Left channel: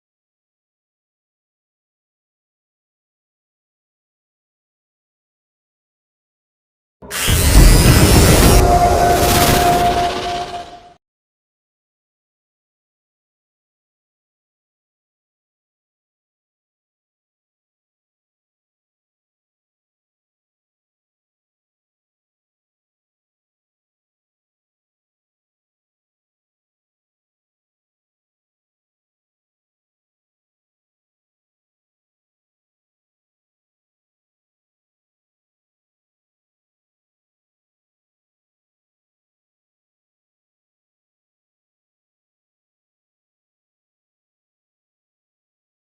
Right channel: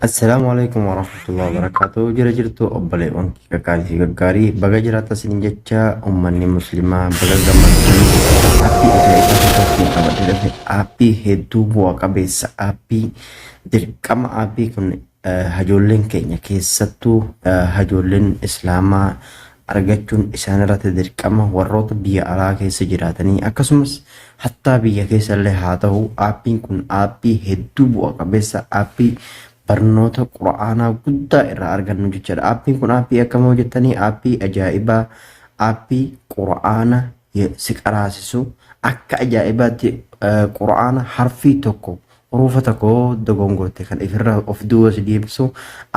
Assalamualaikum warahmatullahi wabarakatuh. Jira jirtu obboleewwan kakaatii fi gaggaarii baga jiraata isiniin jecha ummanni muslimaa baga gammachuun aappii hedduu bu'a qabeessa aappii dirqama aappii kun hajoolleen keenya keessattuu hajoolleen islaamaa argachuun isaan irratti dirqama warroota biyya alaa keessa jiraatanii akkasumas hattaa biyya keessa illee haa ta'u aappiin kun aappii hedduu bu'a qabeessa aappii barnoota quraanaa guddaa irraa argannu jechuudha. Aappiin kun aappii akkam hojjettanii aappii ajaa'ibaa aappii quraana si qaraasisu akka ajaa'ibaatti quraana harfii tokko hurufa tokko dogongorte kan ifirra of duubas deebisu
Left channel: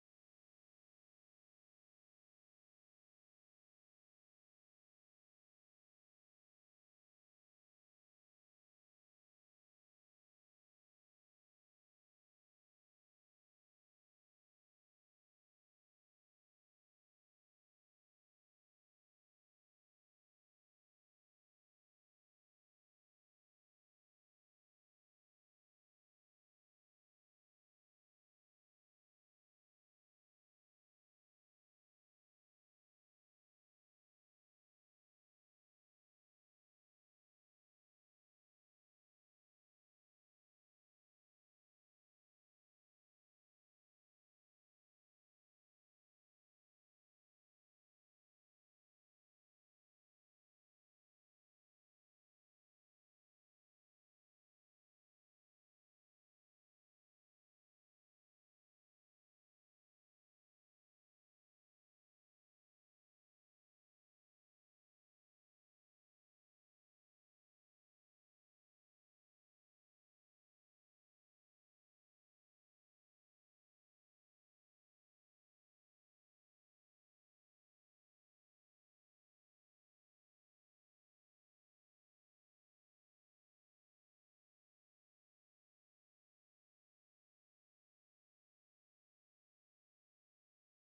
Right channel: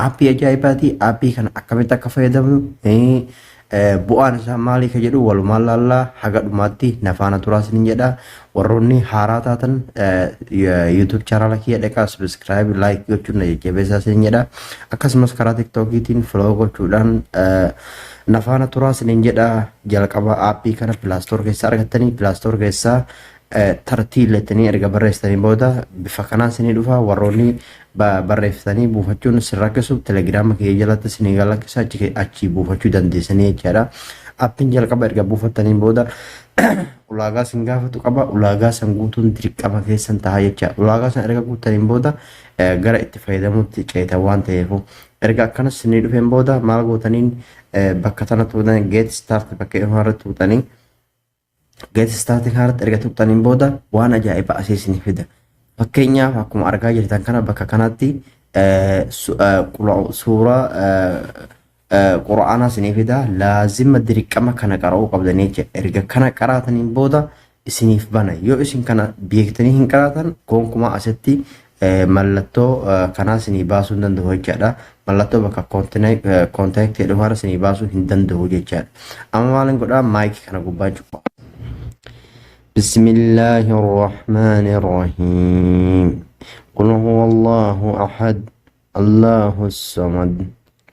aappii ajaa'ibaati. Aappii kana akkamitti akka fayyadamnu bu'aan isaa maalii ka jedhu walumaan laallaa haga dhumaatti nafaana turaas ni jedha. Warroonni haaraa taatan YouTube channel kiyya dhaqaa subscribe like gochuun na jajjabeessaa isin jedha. Akkasumas karaa TikTokiitiin follow gochuudhaan nafaana turaas ni jedha. Jalqaba aappii kana Play Store keessaa argattanii Play Store keessaa tartiilettanii erga barreessitanii booda bifa kanaan isinii dhufa. Warroonni barreeffatanii buufachuun isin rakkisu telegiraama kiyya jalatti isinii galakkisa achi buufachuu dandeessanii jechaadha. Aappiin jalqaba erga buufattanii booda ulaagaa sin gaafatu qaba. Ulaagaa san guutuun dirqama keessan ta'a jecha. Ulaagaa san erga guuttaniin booda gara itti fayyadamuutti ceetan waan ta'eef erga akkanas isinii dhufeen booda maal gootaniin bakka tana tuutanii get start bakka irratti tuutanii get start irratti erga tuutaniin booda waan ajaa'iba asii isinii fida. Fakkeenyaaf akkuma argaa jirtan kana bakka kanatti suuraa quraanaa isinii fida. Laazima dirqama kana qara'uu qabdanii jecha. Erga kana qaraataniin booda isiniif bana. Yoo isin kana beektanii hin qaraatan gonkumaa asitti mallattoo kanaa isinii baasuu hin danda'u jechaadha. Mallattoo bakka kontaaktii dhufaara isinii baasuu hin danda'u jechaadha. Amma maalin godhaa maayikii kana gubbaa cufa. بسم الله الرحمن الرحيم قل هو الله أحد الله الصمد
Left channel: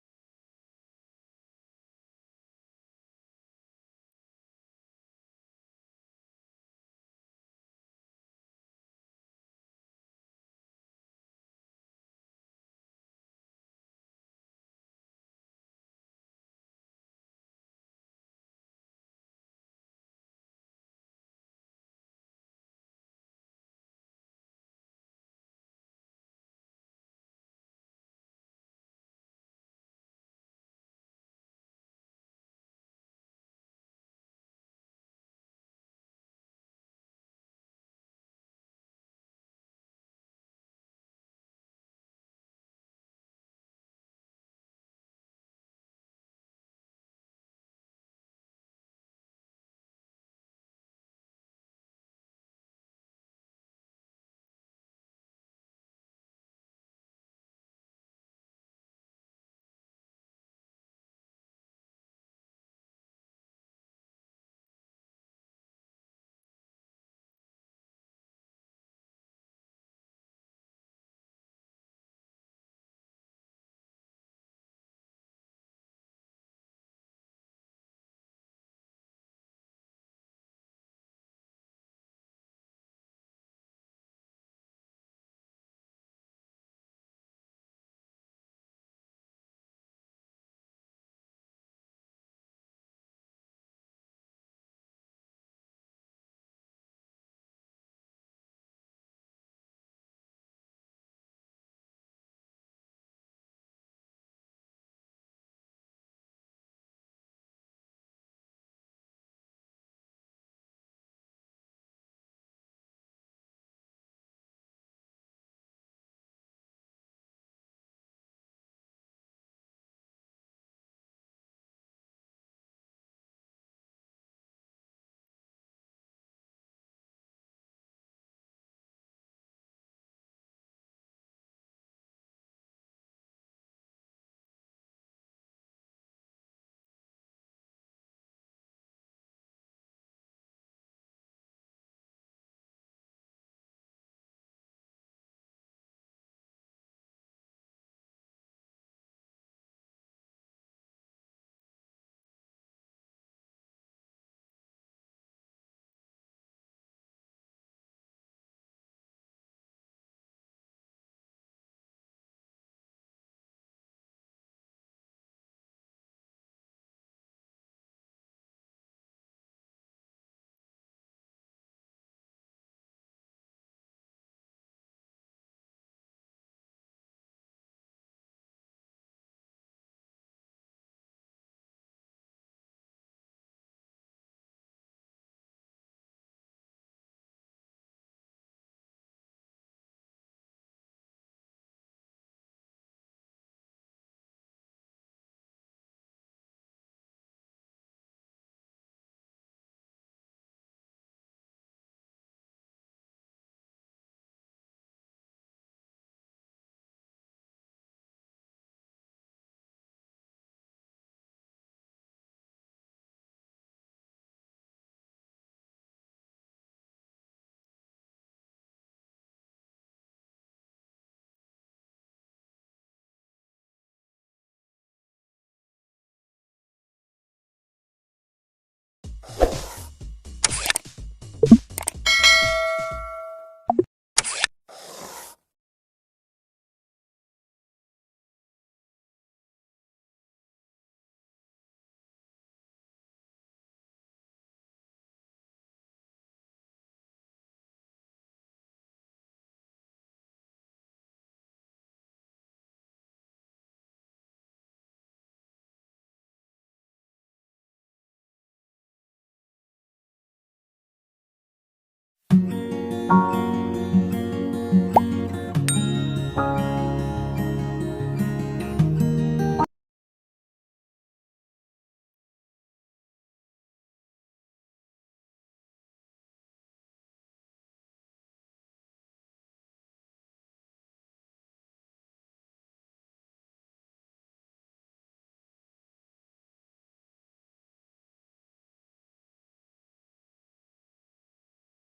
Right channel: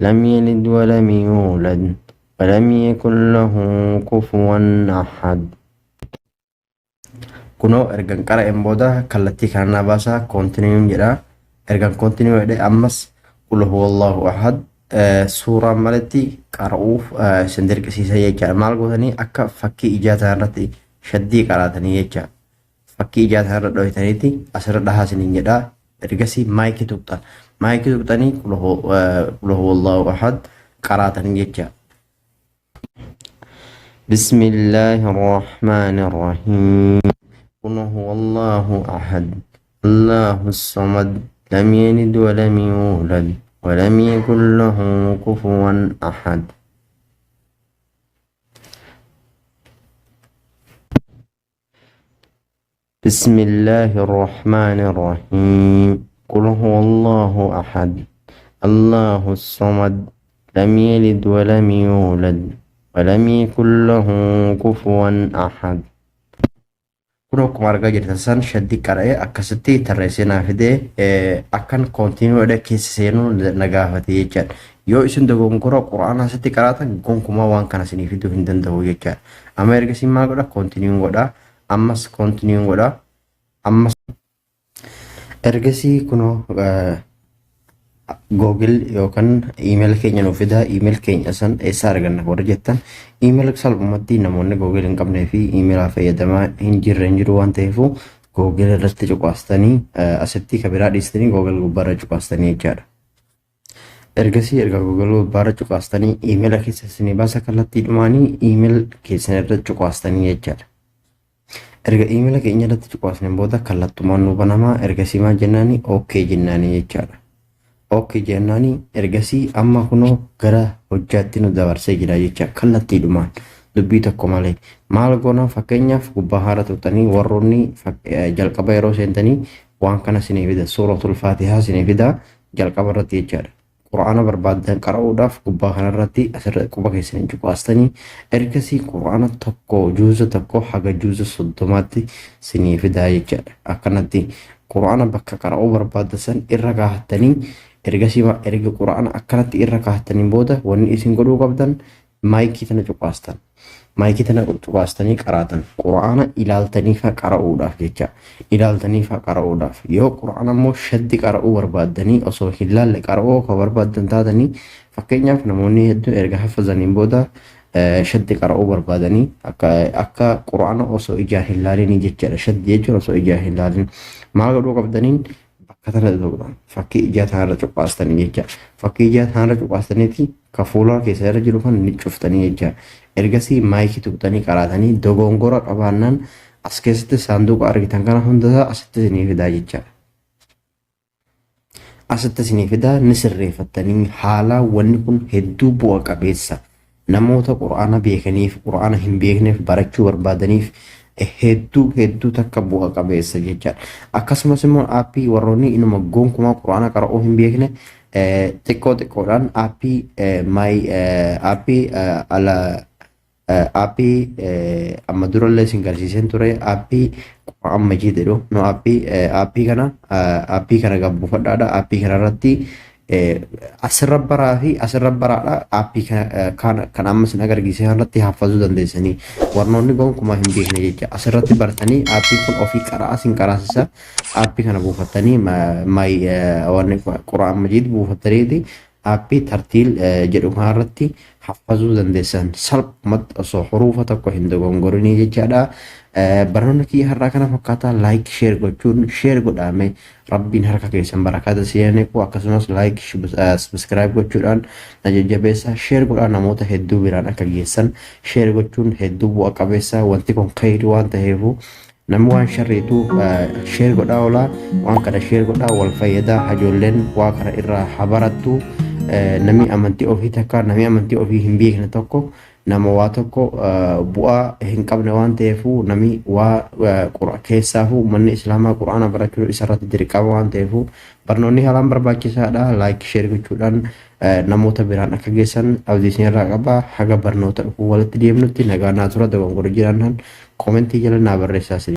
لم يلد ولم يولد ولم يكن له كفوا أحد. Kunoo ergan qara'een booda kallattii kanaa baasaa koontiniyuun jedha. Ergan koontiniyuu jedhe ammas qul huwa Allahu ahad suuraan malatti qara'uuf isin dirqisiisa jechaadha. Maal gootanii akka fakkii ijaataa irratti shaddii qaraatanii jecha. Fakkii ijaataa irra dhohitaniiti asirra dhahaa isiniin jedha. Ergasii maayikii tuqxan. Maayikii tuqxanii qul huwa Allahu ahad qaraatanii jecha. بسم الله الرحمن الرحيم قل هو الله أحد الله الصمد لم يلد ولم يولد ولم يكن له كفوا أحد. بسم الله الرحمن الرحيم قل هو الله أحد الله الصمد لم يلد ولم يولد ولم يكن له كفوا أحد. Kun akkuma argaa jirtan san shaddii qara'ee akkasitti tarreessee naa fidee akkan koontinuudha keessa seenuu na gaafate jechaadha. Yoo isin dogongora quraanaa asitti qaraatan gonkumaa waan kana isinii fiduu hin danda'u jechaadha. Amma ergasii maal godha koontiniyuun godha. Ammas koontiniyuun godha. Ammas ergasii kunoo Google yookaan iimeela keenya nuuf fida. Iimeela keenya san eessaa arganna warra jettan iimeela salphumatti namoonni Google hin qabnee fi iimeelaa fayyadamaa hin jiru waan ta'eef Google irratti cuqaastanii asitti kabiraa dhiistanii Google gubbaarra cuqaastanii jechaadha. Ergasii erga Google gubbaarra cuqaastanii iimeela keessa isinii baasa kallattii dhumaanii iimeela keessan irratti cuqaastanii jechaadha. Erga iimeela keenya irratti cuqaasneen booda kallattumaan nu banamaa ergasii maal jennaanii OK jennaanii jechaadha. OK jennaanii ergasii amma kunoo gara hojjaatti nu dabarsee jira jecha kallattiidhumaan dubbii tokko malee. Maal goonaa fakkeenyaaf gubbaa haara tuqxanii warroonni jalqaba yeroo seentanii waan kana isinii fida. Suuratul Faatihaa isinii fida jalqaba irratti jechaadha. Quraana barbaadan qara'uudhaaf gubbaa kanarratti asirra quba keessanii cuqaastanii ergasii quraana tokko juuza tokko haga juuza 30tti isinii fida jechaadha. Akkanatti quraana bakka qara'uu barbaadan irra kaahattanii ergasii erga quraana akkanatti irra kaahattaniin booda wanni isin godhuu qabdan maayikii tana cuqaastan. maayikii tana baastanii qaraatan quraana ilaaltaniif qara'uudhaaf jecha ilaaltaniif qara'uudhaaf yoo quraana immoo shaddi qara'uu barbaaddanii osoo hin laalle qara'uu ka barbaaddan taatanii fakkeenyaaf namoonni hedduu erga hafazaniin booda shaddi qara'uu barbaadanii akka quraana osoo ijaan hin laalin jechaadha. Shaddi jechuun osoo ijaan hin laalin maal godhuu qabdaniin bakka tana ta'uudhaan fakkii ijaa tanarra cuqqaastanii jecha fakkii ijaa tanarra cuqqaastaniiti ka fuula keessa irra jiru kan ni cuftanii jecha ergasii maayikii tuqxanii qaraatanii dogongora qabaannaan as keessatti saanduqa argitan kana hundasaa asitti isinii fidaa jechaadha. Asitti isinii fidaa ni sirreeffattanii haala wanni kun hedduu bu'a qabeessa namoota quraana beekaniif quraana hin beekneef barachuu barbaadaniif hedduu takka bu'a qabeessa jechaadha. Akkasumas immoo aappii warroonni inuma gonkumaa quraana qara'uu hin beekne xiqqoodhaan aappii ala aappii amma durallee isin garsiiseen ture aappii qura'aan majii jedhu no aappii kana gabbuufadhaadha. Aappii kana irratti asirra baraa fi asirra baraadha. Aappii kan amma isin agarsiise irratti hafazuu dandeessanii warnoonni gonkumaa hin beekne jecha asirratti baratanii aappii kun ofii qaraa isin qaraasisa. Aappii kana buufattanii wanni qura'aan majii buufattaniiti aappii tartiil jedhu kanarratti hafazuu dandeessan salphumatti osoo huruufa tokko hin dogongorinii jechaadha. Barnoonni kiyya har'aa kana fakkaataa laayik sheer gochuun sheer godhaame rabbiin harka keessan barakaata seeneeku akkasumas laayik sabiskiraayib gochuudhaan na jajjabeessa sheer godhaan namoota hedduu biraan akka geessan sheer gochuun hedduu bu'a qabeessa wanti kun khayrii waan ta'eefu namni waan sharriitu sheer godhaa oolaa waan kana sheer godhaa wal fayyadaa hajoolleen waa kana irraa habarattu namni amantii ofii takka namni amantii ofii hin beekne tokko nama waa tokko bu'aa hin qabne waan ta'eefu namni waa keessaafu manni islaamaa quraana barachuu isarratti dirqama waan ta'eefu barnoonni haalaan barbaachisaadha. Laayik sheer gochuudhaan namoota biraan akka geessan abdiisin irraa qaba. Haga barnoota dhufuu walitti deemnutti nagaa naa tura dogongora jiraannaan koomentii jala naa barreessaa.